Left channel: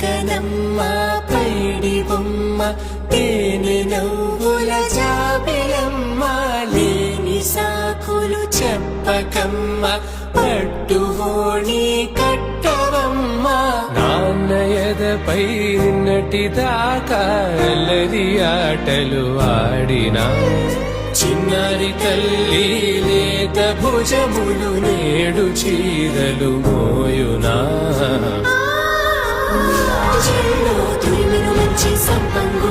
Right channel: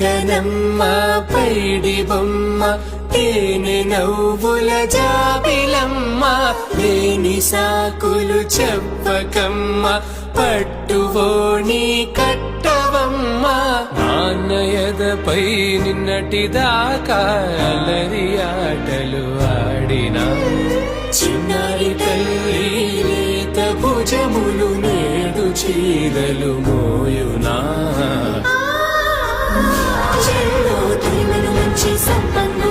కనమ్మ పైడి బొమ్మ తేనె నవ్వుల జాబిలమ్మ లేని సాకులు చెప్పకమ్మ పట్టువోణి కట్టవమ్మ నాన్నయదపై నిన్నటిదాకా అల్లరి ఆటలు ఆడినా చిన్నారి తల్లి లేత భుజములు నేడు చీరలు మోయునా చెల్లో తురిమిను మంచి సంపంగు